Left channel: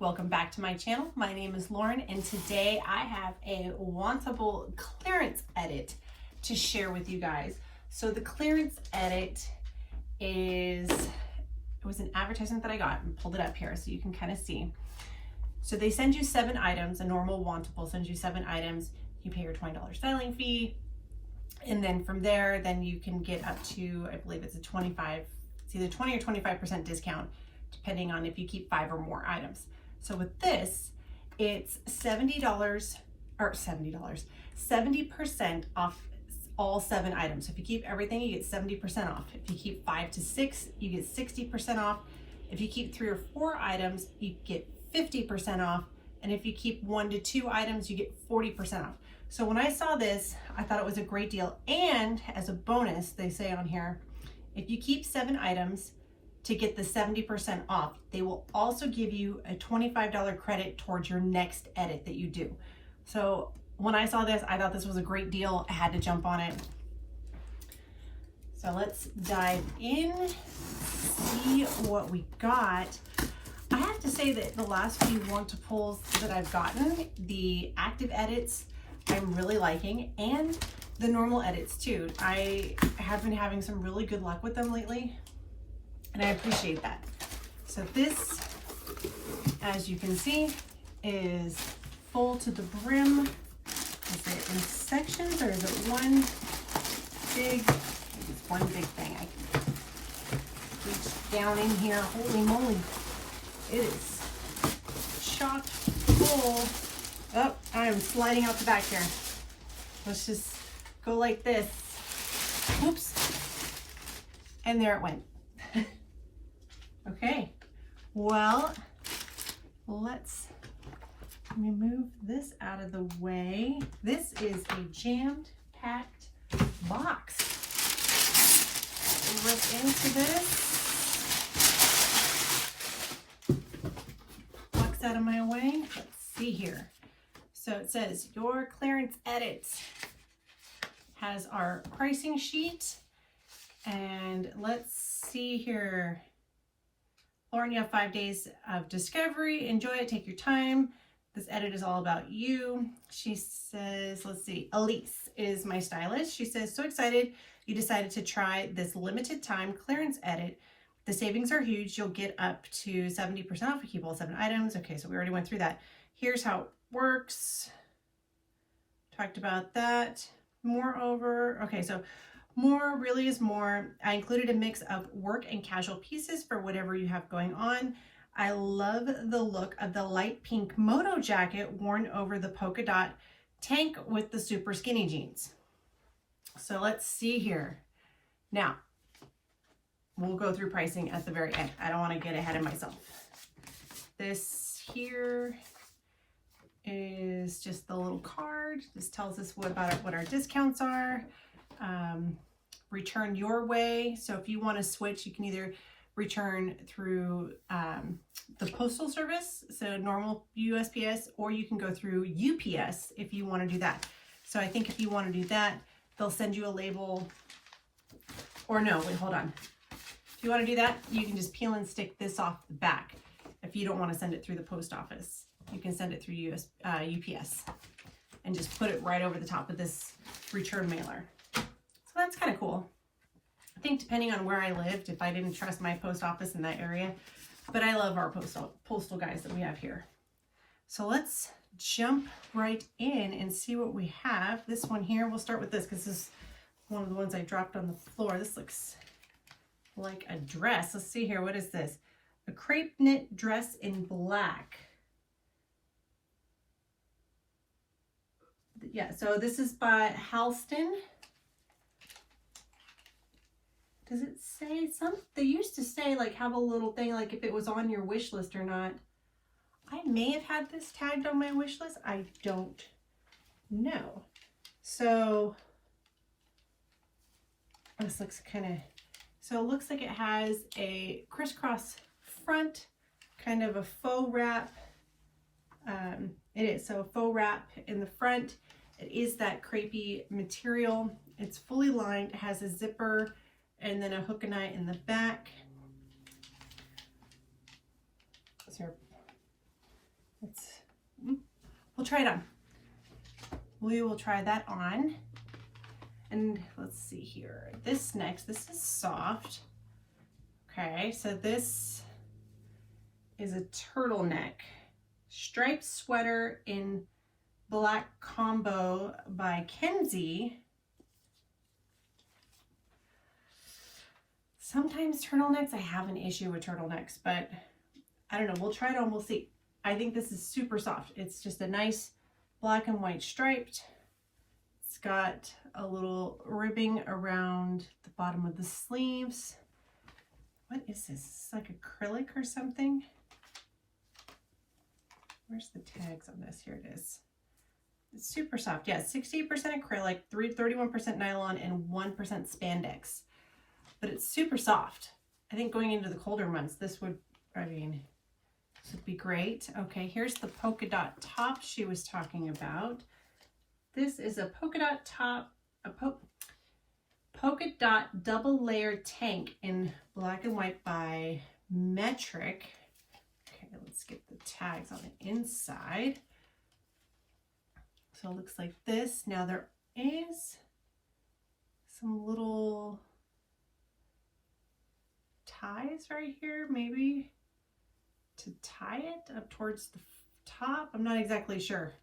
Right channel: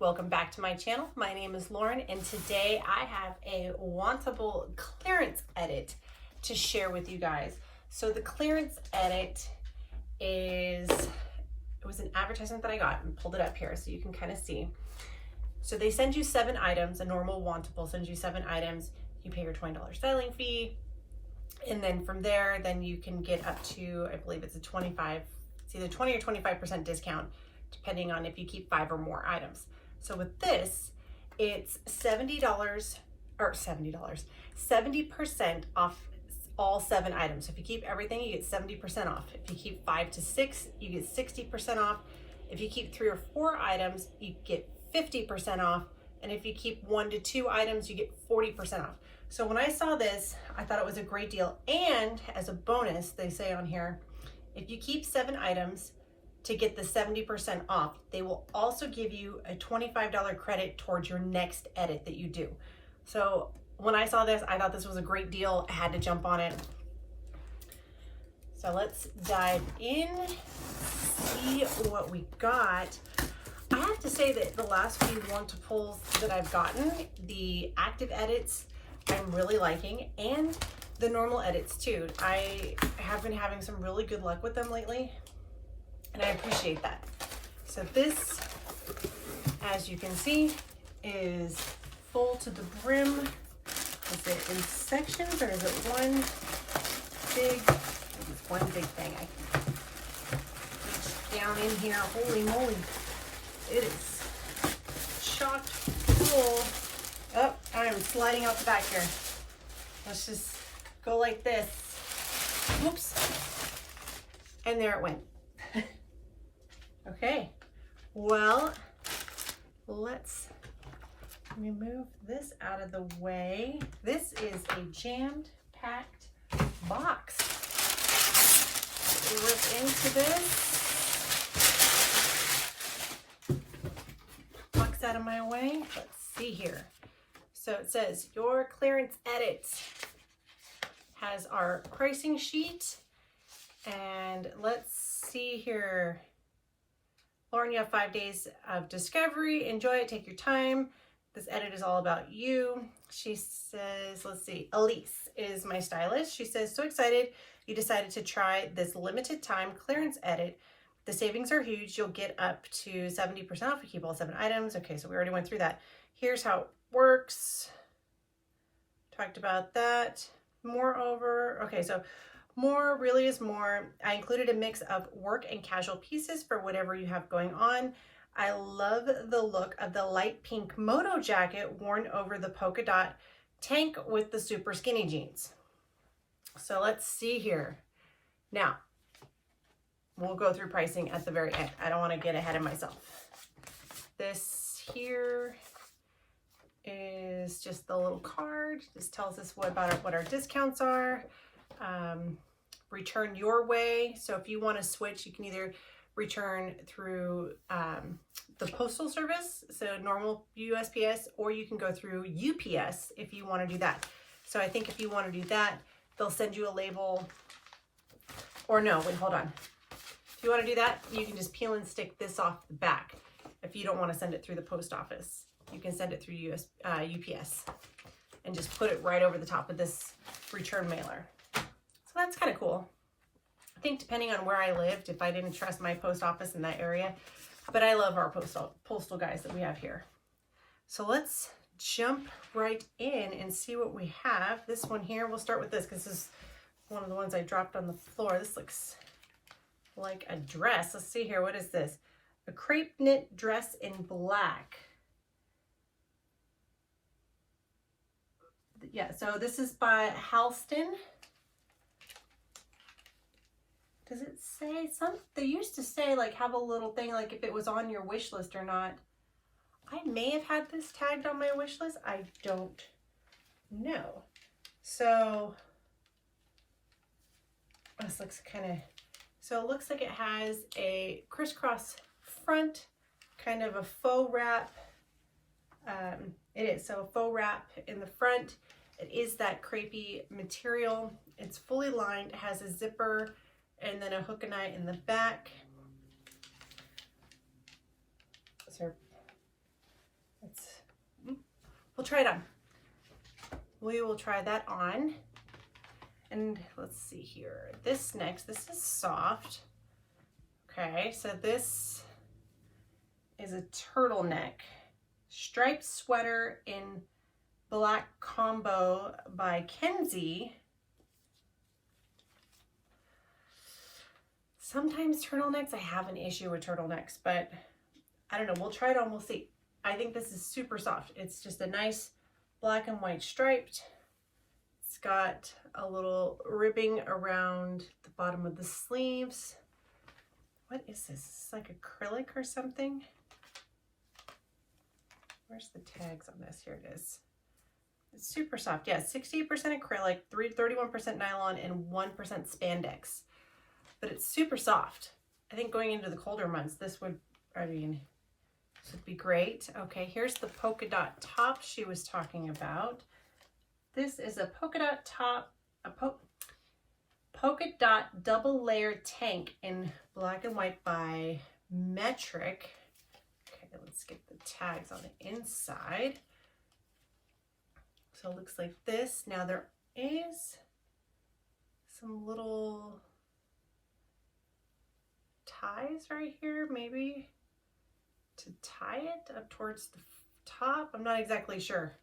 welcome back to my channel. My name is Lauren and today I have a Wantable clearance edit to share with you guys. So the clearance edit it was an advertisement that I got and pulled it up here so you can kind of see. So they send you 7 items, a normal Wantable sends you 7 items, you pay your $20 styling fee, and then from there, then you can get up to, I believe it's either 20 or 25% discount, depending on if you keep 5 or more items. So with this, it's $70 or $70, 70% off all 7 items. So if you keep everything, you get 70% off. If you keep 5 to 6, you get 60% off. If you keep 3 or 4 items, you get 50% off. And if you keep 1 to 2 items, you get 40% off. So when I saw this, I thought it was a great deal. And as a bonus, they say on here, if you keep 7 items to get the 70% off, they will also give you a $25 credit towards your next edit that you do. So when I saw this, I thought this was a great deal. I had to jump on it. So let's dive in, see what we got. I have to say that the last few Wantables that I've gotten, the active edits, I'm really liking, and the normal edits too. I have been having some really good luck with them lately, and I appreciate that. So this, as you can see, is full to the brim. Is it in sections or is it one big, it's one big thing. I reach down in here, holy moly. It is chock full. Oh, I'm sliding out the back here. Let's just go like this. Whoops. And there it went. Okay. Well, let me move this out of the way. This is a jammed packed box. Rip into this. Box out of my way. Let's see here. So it says your clearance edit has our pricing sheet, and let's see here. Lauren, you have 5 days of discovery. Enjoy it, take your time. This edit is all about you. She says, let's see, Elise is my stylist. She says, so excited you decided to try this limited time clearance edit. The savings are huge. You'll get up to 70% off if you keep all 7 items. Okay, so we already went through that. Here's how it works. Talked about that. Moreover, okay, so more really is more. I included a mix of work and casual pieces for whatever you have going on. I love the look of the light pink Moto jacket worn over the polka dot tank with the super skinny jeans. So let's see here. Now, we'll go through pricing at the very end. I don't want to get ahead of myself. This here is just the little card. This tells us what our discounts are. Return your way. So if you want to switch, you can either return through the postal service, so normal USPS, or you can go through UPS if you want to do that. So I think if you want to do that, they'll send you a label, or no, wait, hold on. If you want to do that, you can just peel and stick this off the back. If you don't want to send it through the post office, you can send it through UPS and just put it right over the top of this return mailer. So that's kind of cool. I think depending on where I lived, if I didn't trust my post office in that area, but I love our postal guys that we have here. So let's jump right in and see what we have. This one here, we'll start with this because this is one of the ones I dropped on the floor. This looks like a dress. Let's see here. What is this? A crepe knit dress in black. Yeah, so this is by Halston. Does it say something? They used to say, like, have a little thing, like if it was on your wish list or not. I may have had this tagged on my wish list. I don't know. So this looks kind of, so it looks like it has a crisscross front, kind of a faux wrap. It is, so a faux wrap in the front. It is that crepey material. It's fully lined, it has a zipper and then a hook and eye in the back. So we'll try it on. We will try that on. And let's see here. This is soft. Okay, so this is a turtleneck striped sweater in black combo by Kensie. Sometimes turtlenecks, I have an issue with turtlenecks, but I don't know. We'll try it on, we'll see. I think this is super soft. It's just a nice black and white striped. It's got a little ribbing around the bottom of the sleeves. What is this? It's like acrylic or something. Where's the tags on this? Here it is. It's super soft. Yeah, 68% acrylic, 31% nylon, and 1% spandex. But it's super soft. I think going into the colder months, this would, this would be great. Okay, here's the polka dot top she was talking about. This is a polka dot top, polka dot double layer tank in black and white by Meritage. Okay, let's get the tags on the inside. So it looks like this. Now there is some little ties right here, maybe to tie it up towards the top. I'm not exactly sure.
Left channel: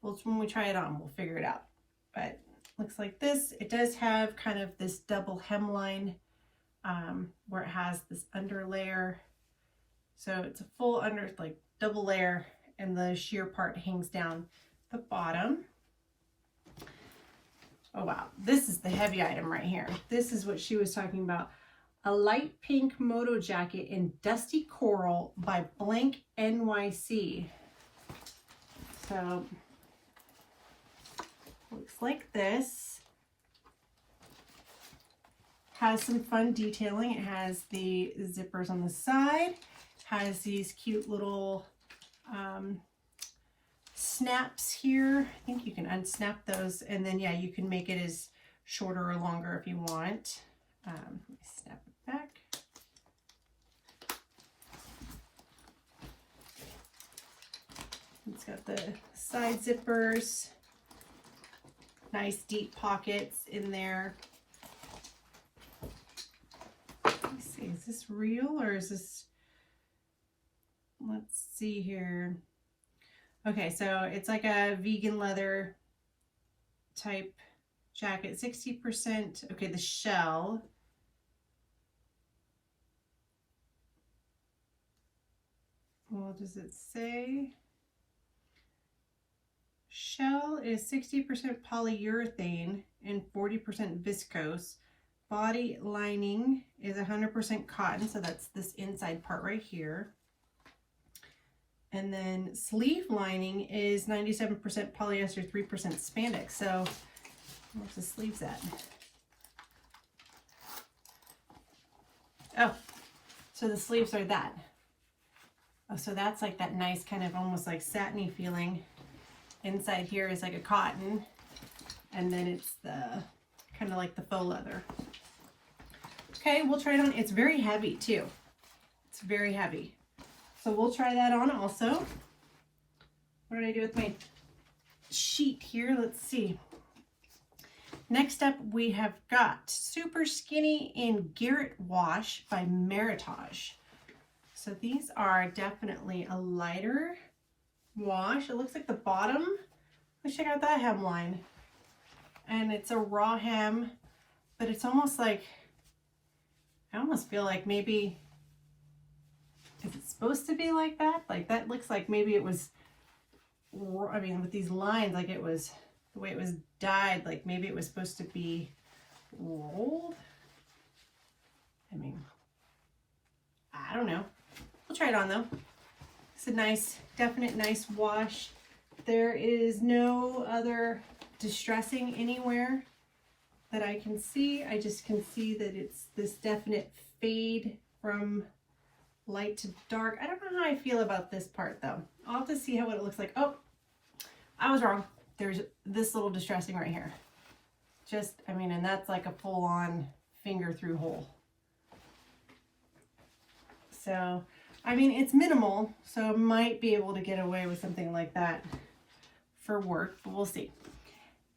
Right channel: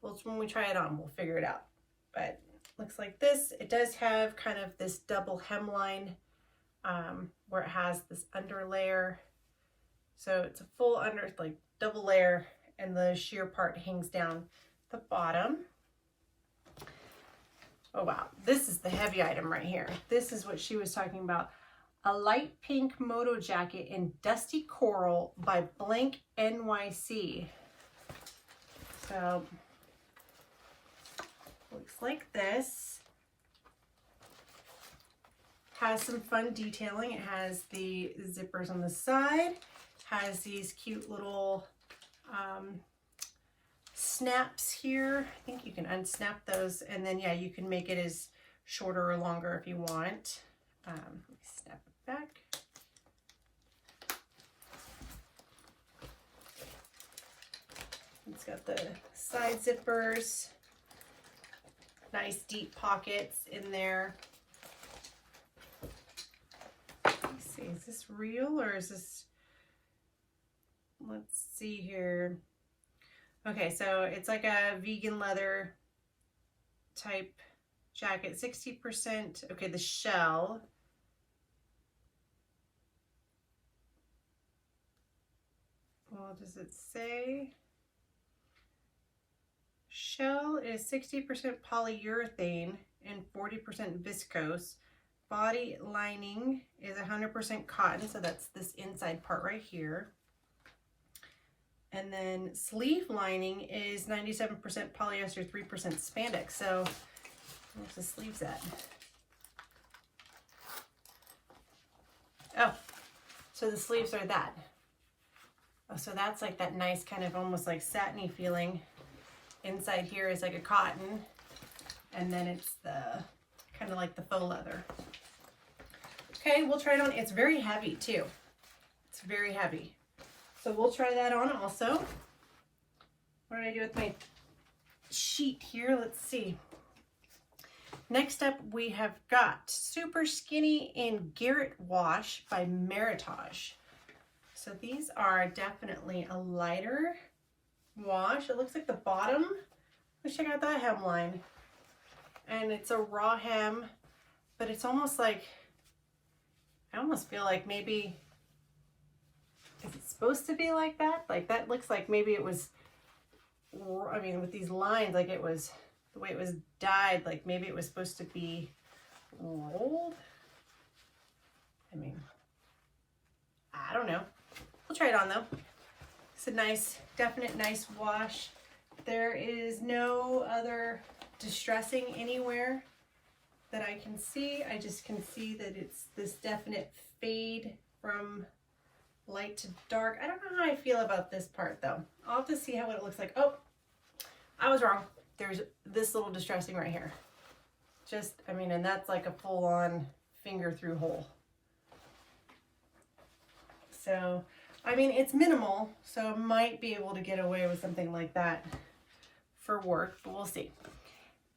Well, when we try it on, we'll figure it out. But looks like this. It does have kind of this double hemline where it has this under layer. So it's a full under, like double layer, and the sheer part hangs down the bottom. Oh wow, this is the heavy item right here. This is what she was talking about. A light pink Moto jacket in dusty coral by blank NYC. So looks like this. Has some fun detailing. It has the zippers on the side, has these cute little snaps here. I think you can unsnap those, and then yeah, you can make it as shorter or longer if you want. Let me snap it back. It's got the side zippers, nice deep pockets in there. Let me see, is this real or is this, let's see here. Okay, so it's like a vegan leather type jacket, 60%. Okay, the shell. What does it say? Shell is 60% polyurethane and 40% viscose. Body lining is 100% cotton, so that's this inside part right here. And then sleeve lining is 97% polyester, 3% spandex. So where's the sleeves at? Oh, so the sleeves are that. Oh, so that's like that nice kind of almost like satiny feeling. Inside here is like a cotton, and then it's the kind of like the faux leather. Okay, we'll try it on. It's very heavy too. It's very heavy. So we'll try that on also. What did I do with my sheet here? Let's see. Next up, we have got Super Skinny in Garret Wash by Meritage. So these are definitely a lighter wash. It looks like the bottom. Let's check out that hemline. And it's a raw hem, but it's almost like, I almost feel like maybe, is it supposed to be like that? Like that looks like maybe it was, I mean, with these lines, like it was, the way it was dyed, like maybe it was supposed to be rolled. I mean, I don't know. We'll try it on though. It's a nice, definite nice wash. There is no other distressing anywhere that I can see. I just can see that it's this definite fade from light to dark. I don't know how I feel about this part though. I'll have to see what it looks like. Oh, I was wrong. There's this little distressing right here. Just, I mean, and that's like a full-on finger through hole. So I mean, it's minimal, so might be able to get away with something like that for work, but we'll see.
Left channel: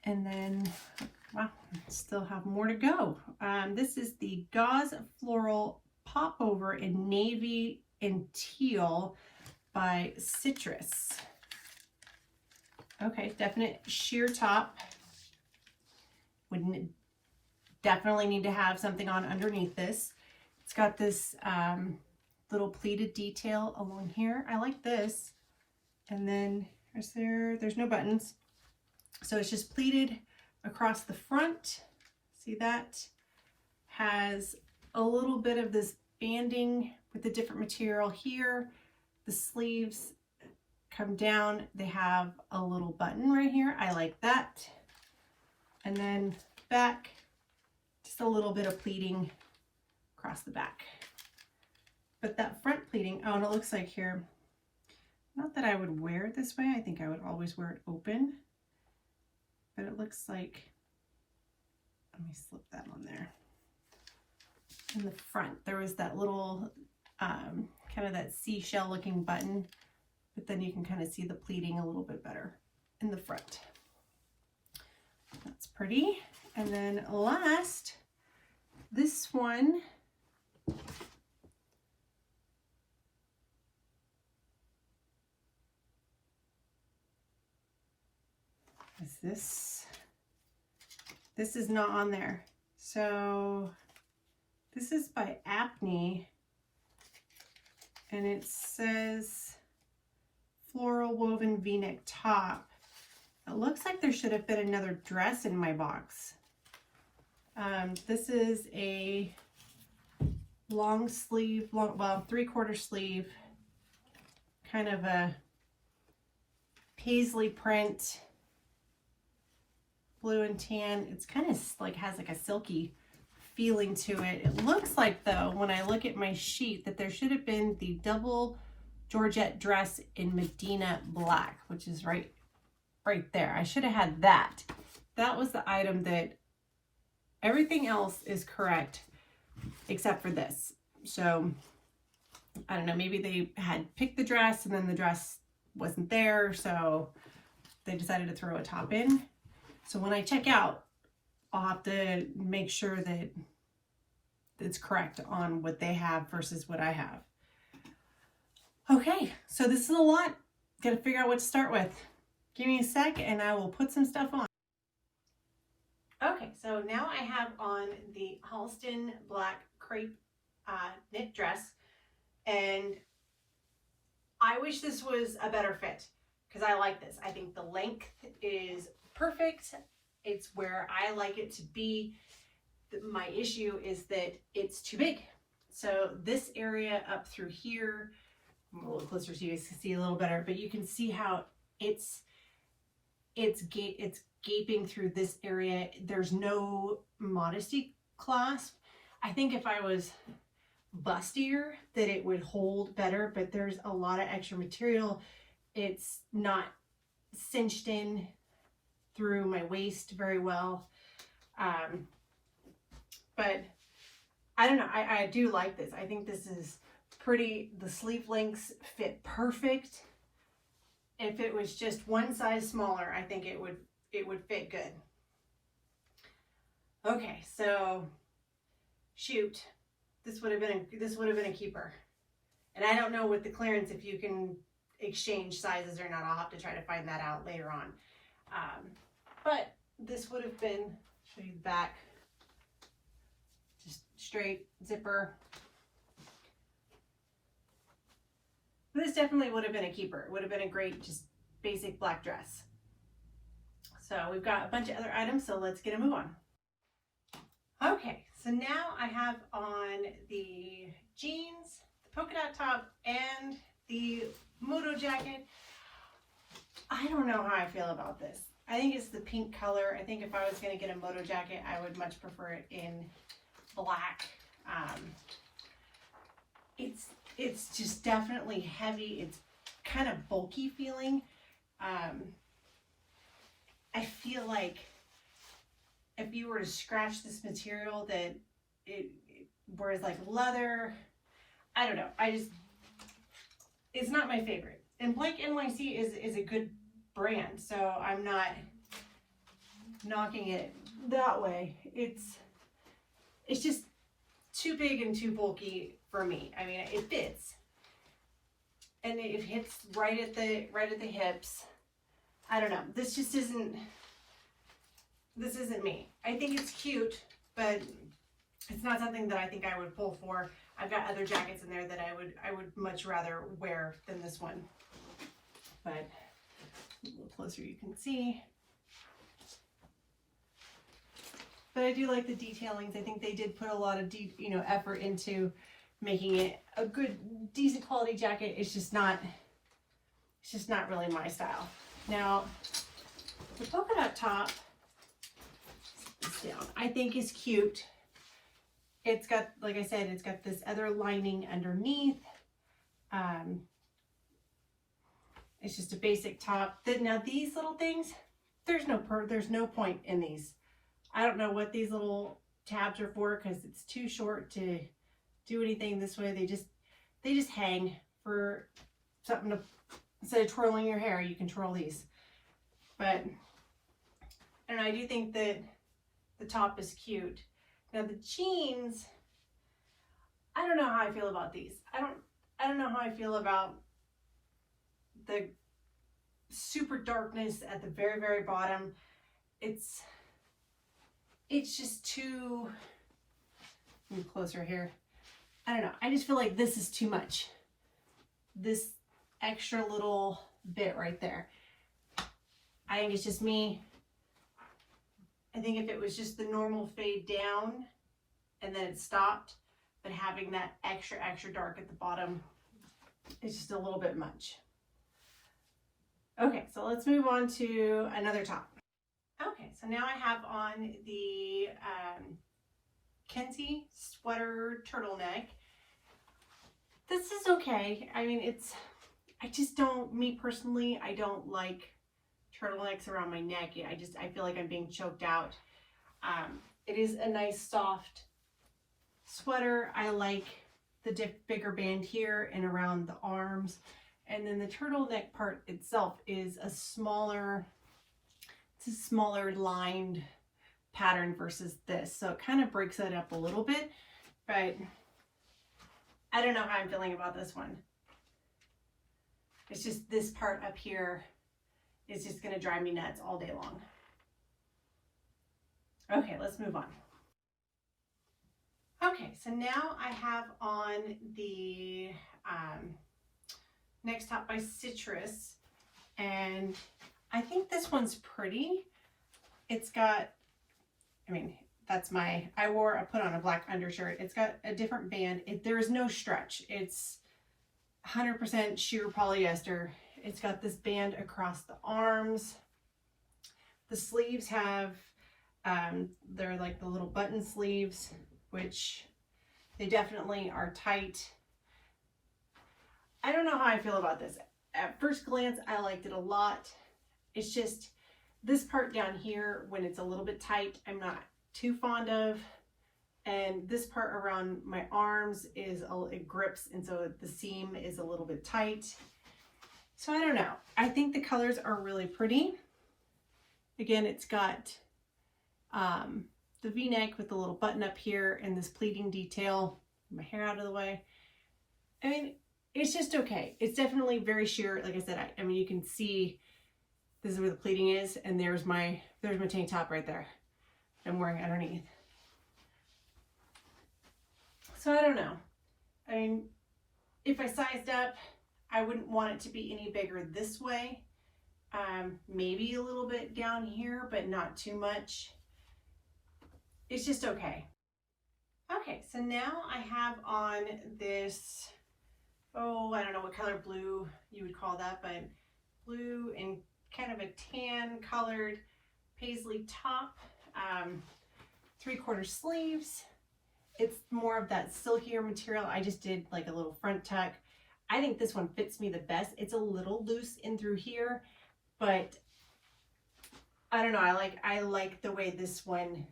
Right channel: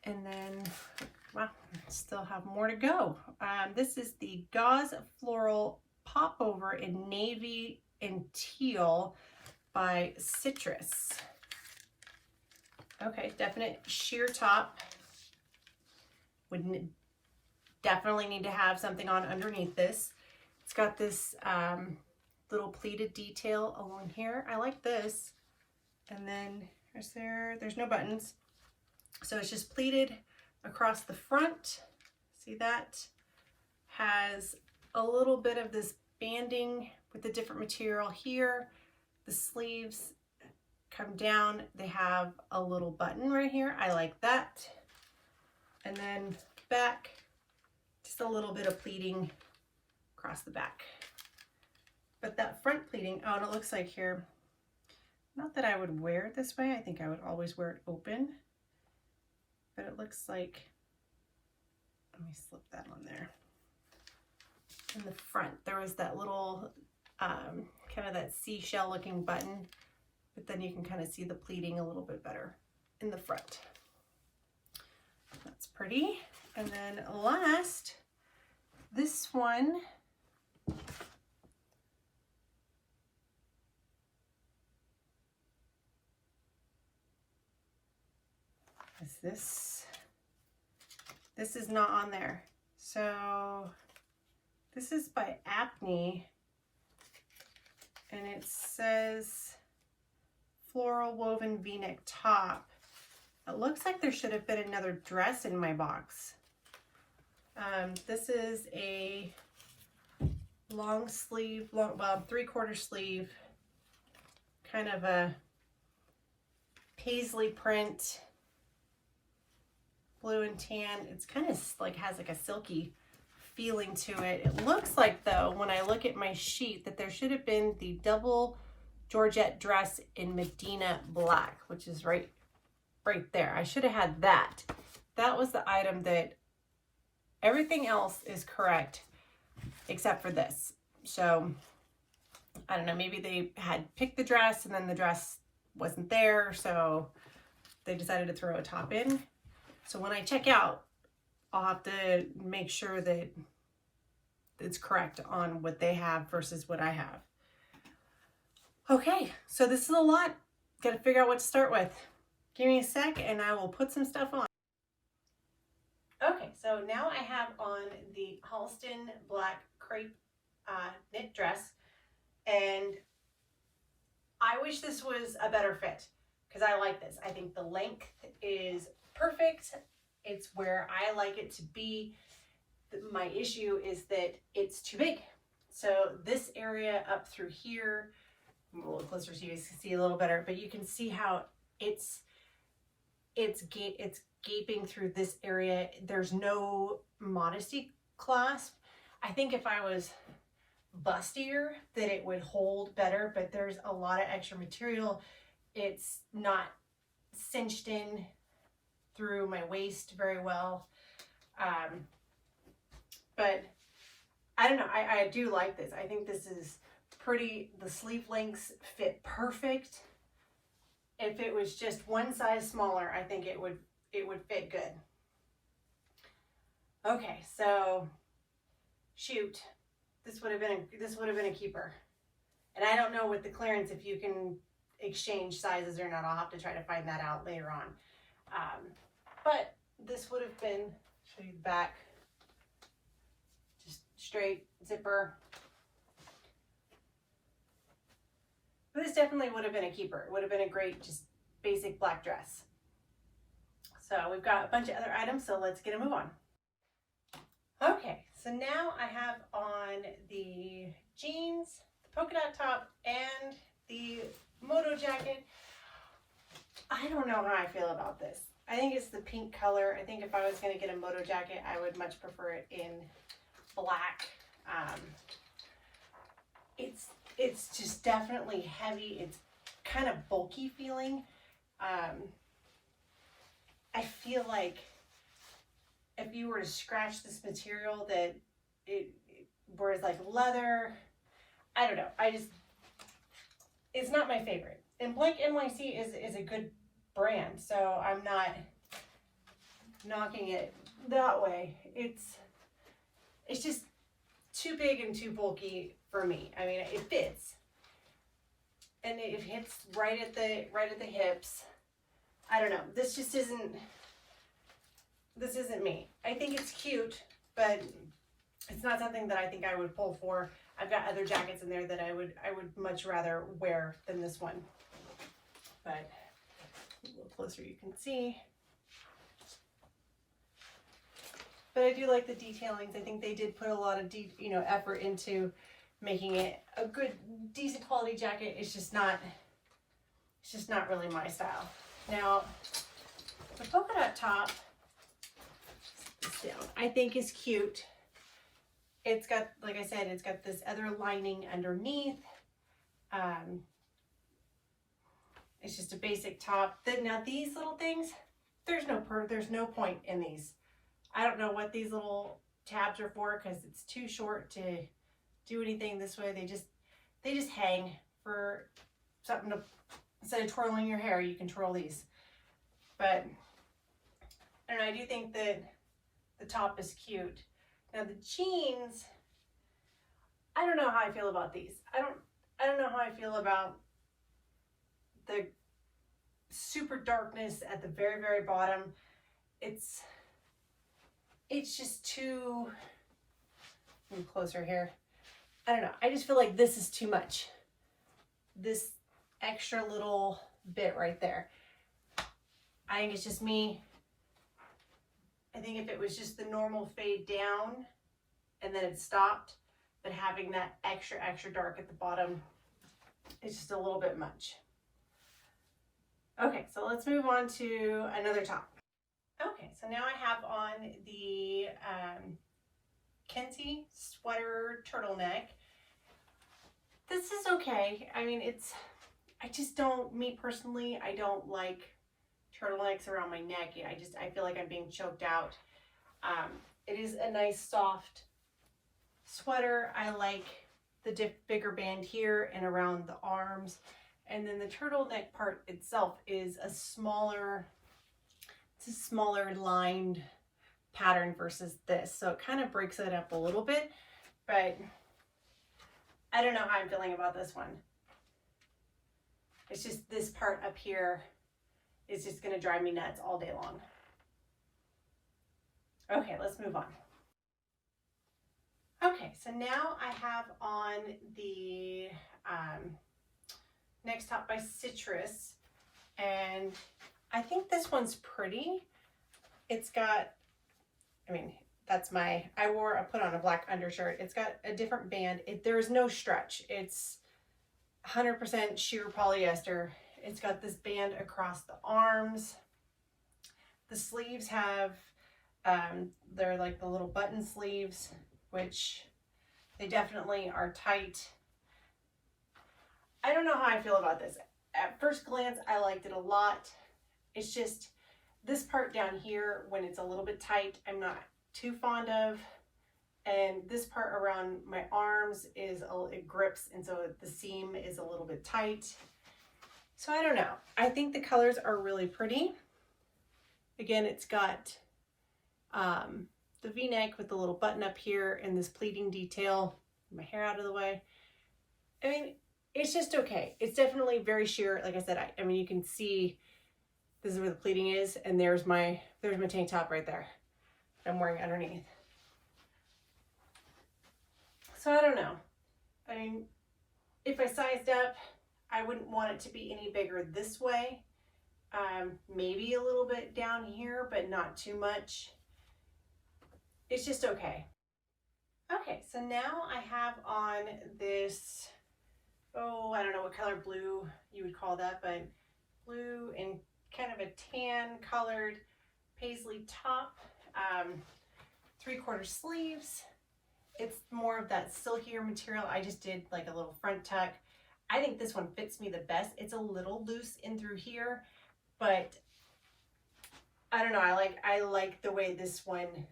And then, wow, still have more to go. This is the Gauze Floral Popover in Navy and Teal by Citrus. Okay, definite sheer top. Would definitely need to have something on underneath this. It's got this little pleated detail along here. I like this. And then there's no buttons. So it's just pleated across the front. See that? Has a little bit of this banding with the different material here. The sleeves come down. They have a little button right here. I like that. And then back, just a little bit of pleating across the back. But that front pleating, oh, and it looks like here, not that I would wear it this way. I think I would always wear it open. But it looks like, let me slip that on there. In the front, there was that little, kind of that seashell looking button, but then you can kind of see the pleating a little bit better in the front. That's pretty. And then last, this one, is this is not on there. So this is by APNEY, and it says floral woven v-neck top. It looks like there should have been another dress in my box. This is a long sleeve, well, 3/4 sleeve, kind of a paisley print, blue and tan. It's kind of like has like a silky feeling to it. It looks like though, when I look at my sheet, that there should have been the double Georgette dress in Medina black, which is right there. I should have had that. That was the item that, everything else is correct except for this. So I don't know, maybe they had picked the dress and then the dress wasn't there, so they decided to throw a top in. So when I check out, I'll have to make sure that it's correct on what they have versus what I have. Okay, so this is a lot. Got to figure out what to start with. Give me a sec and I will put some stuff on. Okay, so now I have on the Halston black crepe knit dress, and I wish this was a better fit because I like this. I think the length is perfect. It's where I like it to be. My issue is that it's too big. So this area up through here, I'm a little closer so you can see a little better, but you can see how it's gaping through this area. There's no modesty clasp. I think if I was bustier that it would hold better, but there's a lot of extra material. It's not cinched in through my waist very well. But I don't know, I do like this. I think this is pretty. The sleeve lengths fit perfect. If it was just one size smaller, I think it would fit good. Okay, so shoot, this would have been a keeper. And I don't know with the clearance if you can exchange sizes or not. I'll have to try to find that out later on. But this would have been, show you the back, just straight zipper. This definitely would have been a keeper. It would have been a great, just basic black dress. So we've got a bunch of other items, so let's get a move on. Okay, so now I have on the jeans, the polka dot top, and the Moto jacket. I don't know how I feel about this. I think it's the pink color. I think if I was going to get a Moto jacket, I would much prefer it in black. It's just definitely heavy. It's kind of bulky feeling. I feel like if you were to scratch this material that it whereas like leather, I don't know. it's not my favorite. And Blank NYC is a good brand, so I'm not knocking it that way. It's just too big and too bulky for me. I mean, it fits, and it hits right at the hips. I don't know. This just isn't. This isn't me. I think it's cute, but it's not something that I think I would pull for. I've got other jackets in there that I would much rather wear than this one. But a little closer you can see. But I do like the detailings. I think they did put a lot of effort into making it a good, decent quality jacket. It's just not really my style. Now, the polka dot top, I think is cute. It's got, like I said, it's got this other lining underneath. It's just a basic top. Now these little things, there's no point in these. I don't know what these little tabs are for, because it's too short to do anything this way. They just hang for something to, instead of twirling your hair, you can twirl these. But I don't know, I do think that the top is cute. Now the jeans, I don't know how I feel about these. I don't know how I feel about the super darkness at the very, very bottom. It's just too, move closer here. I don't know. I just feel like this is too much. This extra little bit right there. I think it's just me. I think if it was just the normal fade down and then it stopped, but having that extra dark at the bottom is just a little bit much. Okay, so let's move on to another top. Okay, so now I have on the Kensie sweater turtleneck. This is okay. I mean, I just don't, me personally, I don't like turtlenecks around my neck. I feel like I'm being choked out. It is a nice soft sweater. I like the bigger band here and around the arms. And then the turtleneck part itself is a smaller lined pattern versus this. So it kind of breaks it up a little bit, but I don't know how I'm feeling about this one. It's just this part up here is just going to drive me nuts all day long. Okay, let's move on. Okay, so now I have on the next top by Citrus, and I think this one's pretty. It's got, I mean, that's I put on a black undershirt. It's got a different band. There is no stretch. It's 100% sheer polyester. It's got this band across the arms. The sleeves have, they're like the little button sleeves, which they definitely are tight. I don't know how I feel about this. At first glance, I liked it a lot. It's just this part down here, when it's a little bit tight, I'm not too fond of. And this part around my arms it grips, and so the seam is a little bit tight. So I don't know. I think the colors are really pretty. Again, it's got the V-neck with the little button up here and this pleating detail. My hair out of the way. I mean, it's just okay. It's definitely very sheer. Like I said, I mean, you can see this is where the pleating is, and there's my tank top right there I'm wearing underneath. So I don't know. I mean, if I sized up, I wouldn't want it to be any bigger this way. Maybe a little bit down here, but not too much. It's just okay. Okay, so now I have on this, oh, I don't know what color blue you would call that, but blue and kind of a tan colored paisley top, 3/4 sleeves. It's more of that silkier material. I just did like a little front tuck. I think this one fits me the best. It's a little loose in through here, but I don't know. I like the way this one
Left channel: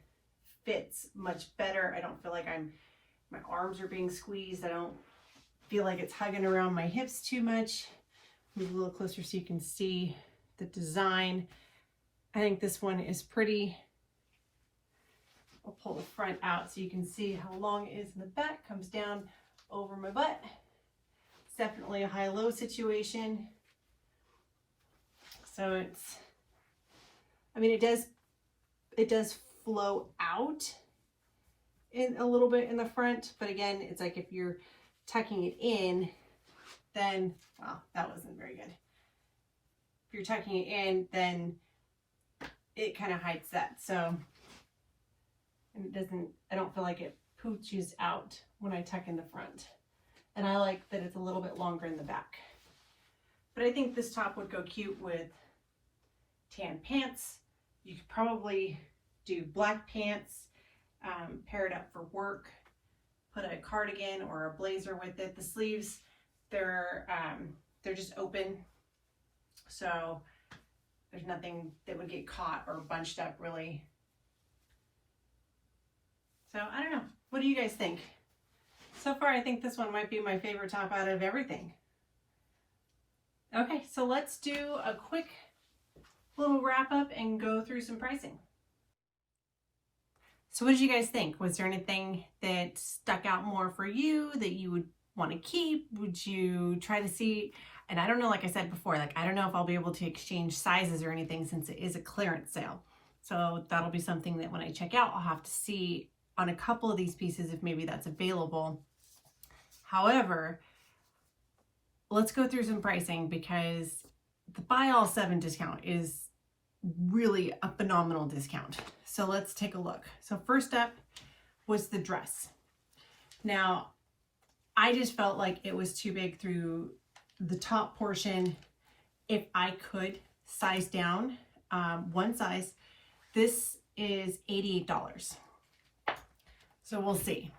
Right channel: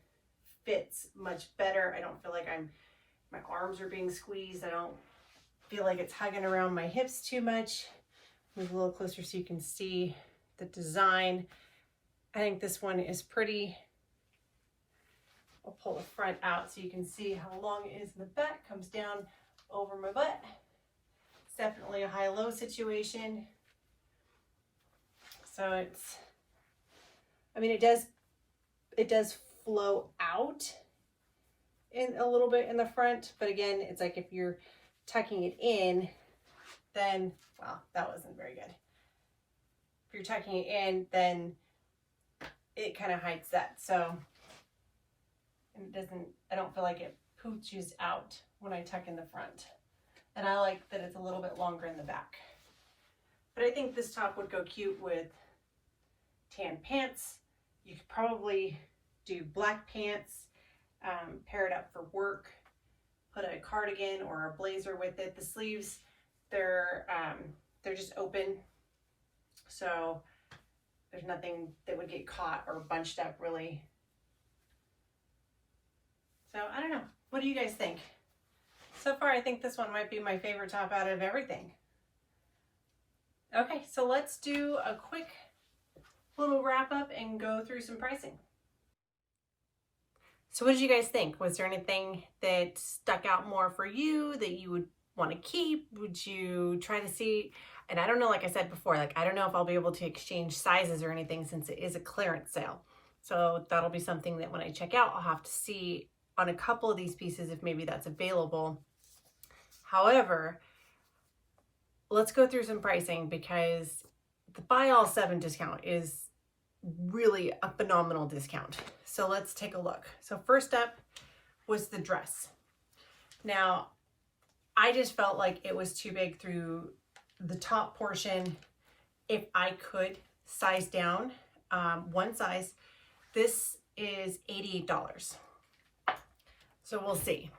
fits much better. I don't feel like my arms are being squeezed. feel like it's hugging around my hips too much. Move a little closer so you can see the design. I think this one is pretty. I'll pull the front out so you can see how long it is in the back. Comes down over my butt. It's definitely a high-low situation. So it's, I mean, it does flow out in a little bit in the front, but again, it's like if you're tucking it in, then, well, that wasn't very good. If you're tucking it in, then it kind of hides that. So, and it doesn't, I don't feel like it pooches out when I tuck in the front. And I like that it's a little bit longer in the back. But I think this top would go cute with tan pants. You could probably do black pants, pair it up for work, put a cardigan or a blazer with it. The sleeves, they're just open, so there's nothing that would get caught or bunched up really. So I don't know. What do you guys think? So far, I think this one might be my favorite top out of everything. Okay, so let's do a quick little wrap up and go through some pricing. So what did you guys think? Was there anything that stuck out more for you that you would want to keep? Would you try to see, and I don't know, like I said before, like I don't know if I'll be able to exchange sizes or anything since it is a clearance sale. So that'll be something that when I check out, I'll have to see on a couple of these pieces if maybe that's available. However, let's go through some pricing because the buy all 7 discount is really a phenomenal discount. So let's take a look. So first up was the dress. Now, I just felt like it was too big through the top portion. If I could size down one size, this is $88. So we'll see.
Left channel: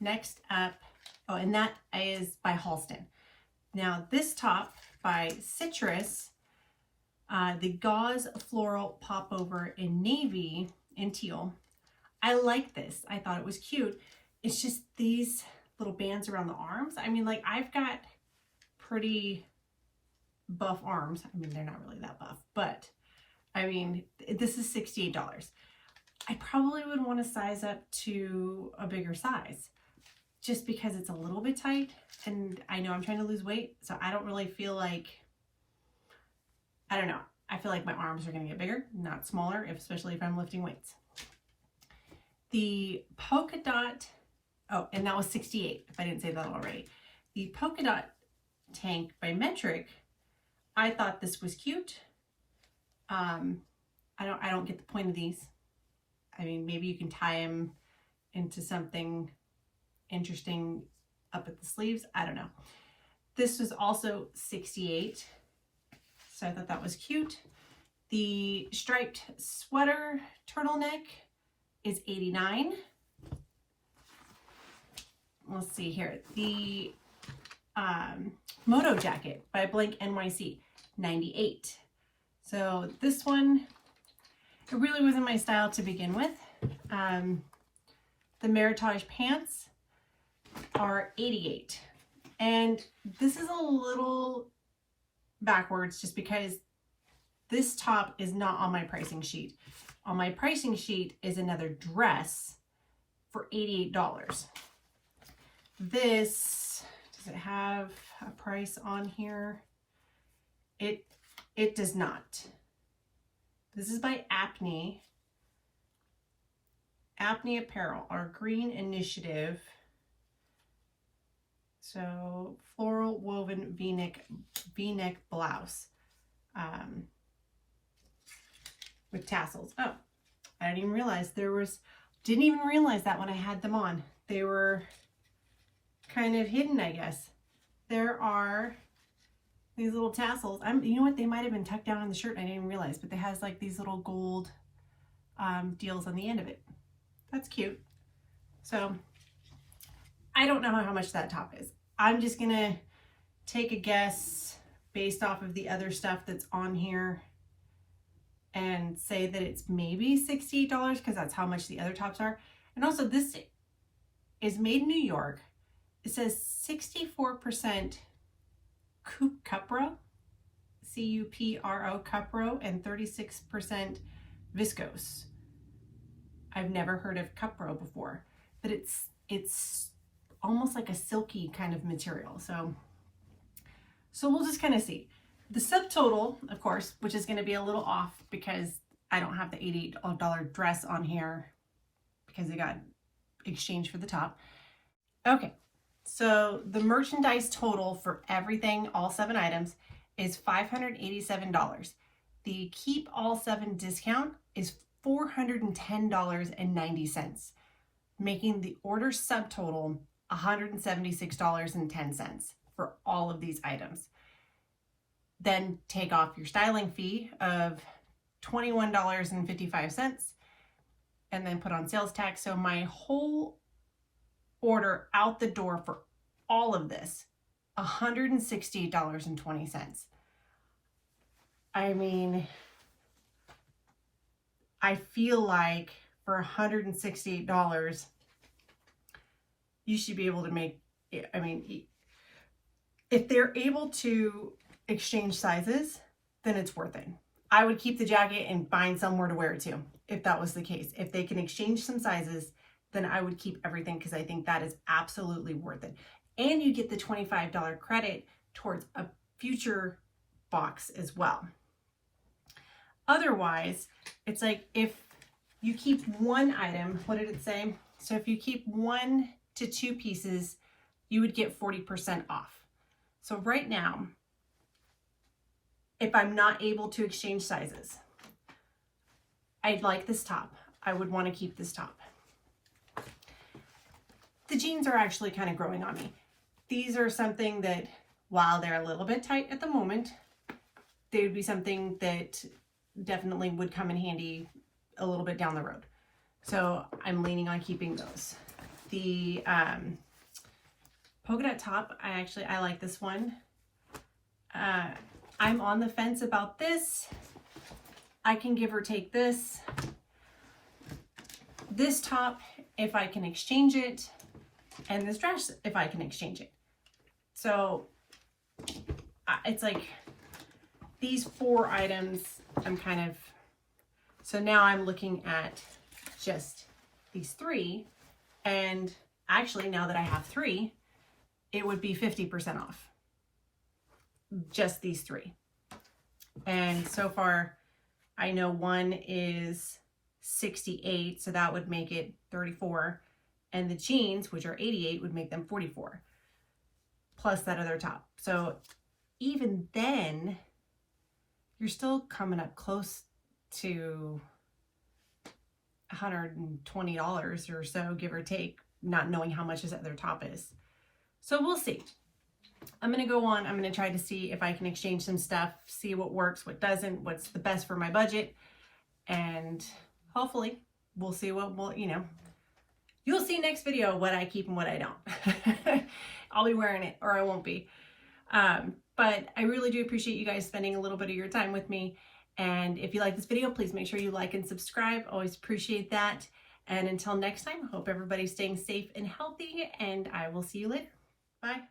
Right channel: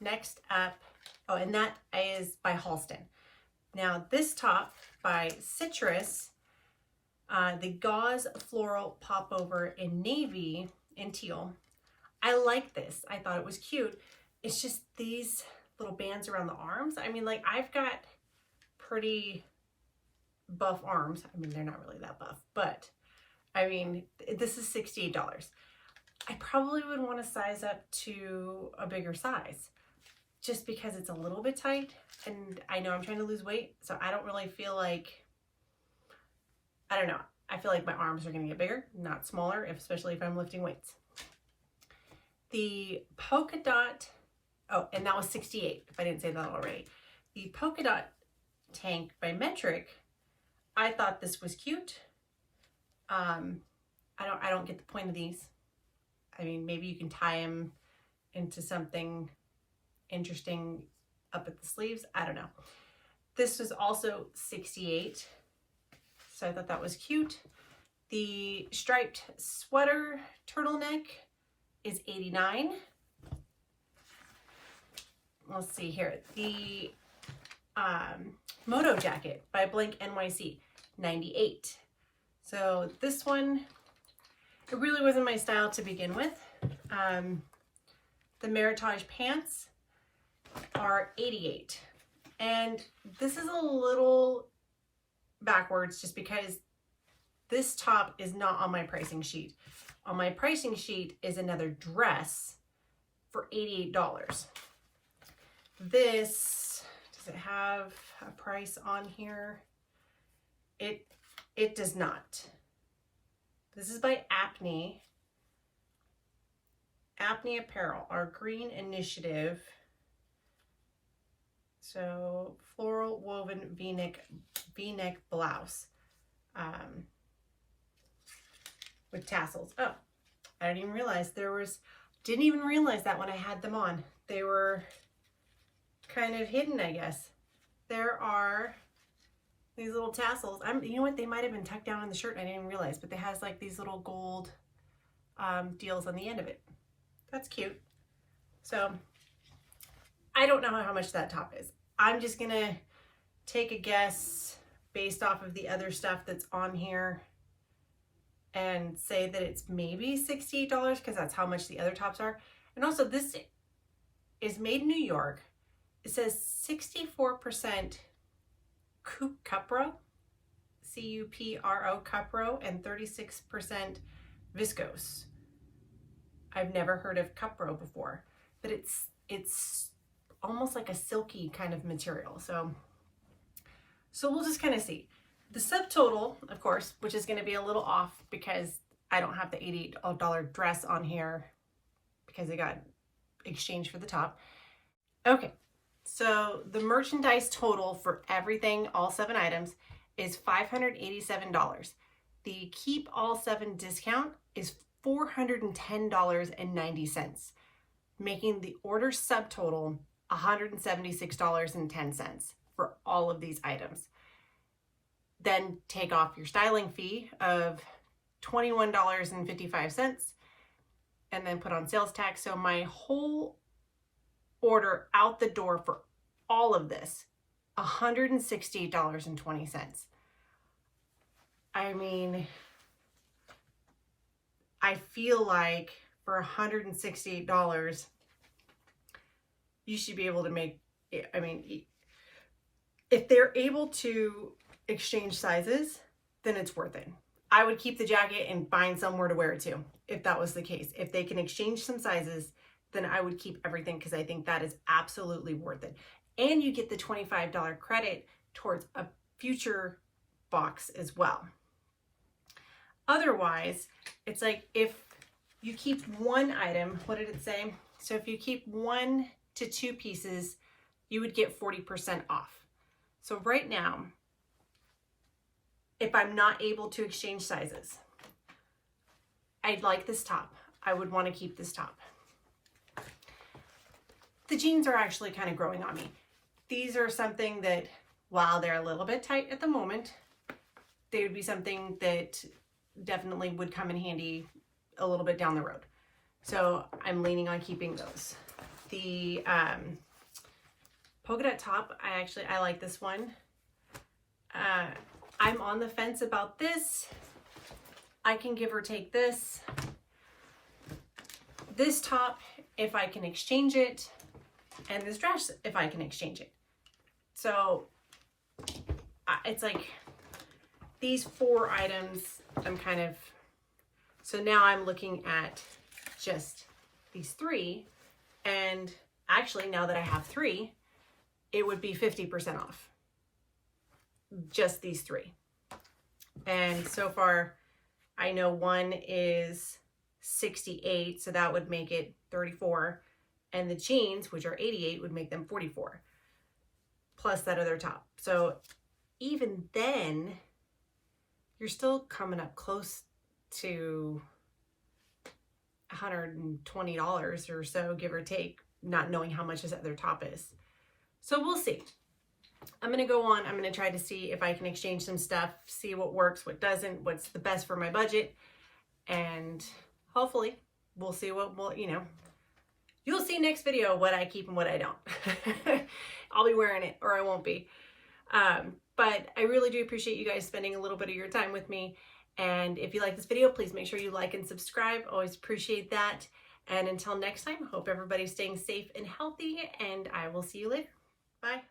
Next up, oh, and that is by Halston. Now this top by Citrus, the gauze floral popover in navy and teal. I like this. I thought it was cute. It's just these little bands around the arms. I mean, like I've got pretty buff arms. I mean, they're not really that buff, but I mean, this is $68. I probably would want to size up to a bigger size just because it's a little bit tight, and I know I'm trying to lose weight, so I don't really feel like, I don't know. I feel like my arms are going to get bigger, not smaller, especially if I'm lifting weights. The Polka Dot, oh, and that was $68, if I didn't say that already. The Polka Dot tank by Meritage, I thought this was cute. I don't get the point of these. I mean, maybe you can tie them into something interesting up at the sleeves. I don't know. This was also $68. So I thought that was cute. The striped sweater turtleneck is $89. Let's see here. The Moto jacket by Blank NYC, $98. So this one, it really wasn't my style to begin with. The Meritage pants are $88. And this is a little backwards just because this top is not on my pricing sheet. On my pricing sheet is another dress for $88. This, does it have a price on here? It does not. This is by APNEY. APNEY Apparel, our green initiative. So floral woven V-neck blouse with tassels. Oh, I didn't even realize didn't even realize that when I had them on. They were kind of hidden, I guess. There are these little tassels. You know what? They might have been tucked down on the shirt. I didn't even realize, but it has like these little gold deals on the end of it. That's cute. So I don't know how much that top is. I'm just gonna take a guess based off of the other stuff that's on here and say that it's maybe $68 because that's how much the other tops are. And also this is made in New York. it says 64% cupro, C-U-P-R-O, cupro, and 36% viscose. I've never heard of cupro before, but it's almost like a silky kind of material. So we'll just kind of see. The subtotal, of course, which is going to be a little off because I don't have the $88 dress on here because it got exchanged for the top. Okay, so the merchandise total for everything, all 7 items, is $587. The keep all 7 discount is $410.90, making the order subtotal $176.10 for all of these items. Then take off your styling fee of $21.55 and then put on sales tax. So my whole order out the door for all of this, $168.20. I mean, I feel like for $168, you should be able to make, I mean, if they're able to exchange sizes, then it's worth it. I would keep the jacket and find somewhere to wear it to, if that was the case. If they can exchange some sizes, then I would keep everything because I think that is absolutely worth it. And you get the $25 credit towards a future box as well. Otherwise, it's like if you keep one item, what did it say? So if you keep 1 to 2 pieces, you would get 40% off. So right now, if I'm not able to exchange sizes, I'd like this top. I would want to keep this top. The jeans are actually kind of growing on me. These are something that, while they're a little bit tight at the moment, they would be something that definitely would come in handy a little bit down the road. So I'm leaning on keeping those. The polka dot top, I like this one. I'm on the fence about this. I can give or take this. This top, if I can exchange it, and this dress, if I can exchange it. So it's like these 4 items, I'm kind of, so now I'm looking at just these 3. And actually, now that I have 3, it would be 50% off. Just these 3. And so far, I know one is 68, so that would make it 34. And the jeans, which are 88, would make them 44. Plus that other top. So even then, you're still coming up close to $120 or so, give or take, not knowing how much this other top is. So we'll see. I'm going to go on. I'm going to try to see if I can exchange some stuff, see what works, what doesn't, what's the best for my budget. And hopefully we'll see what will, you'll see next video what I keep and what I don't. I'll be wearing it or I won't be. But I really do appreciate you guys spending a little bit of your time with me. And if you like this video, please make sure you like and subscribe. Always appreciate that. And until next time, hope everybody's staying safe and healthy, and I will see you later. Bye.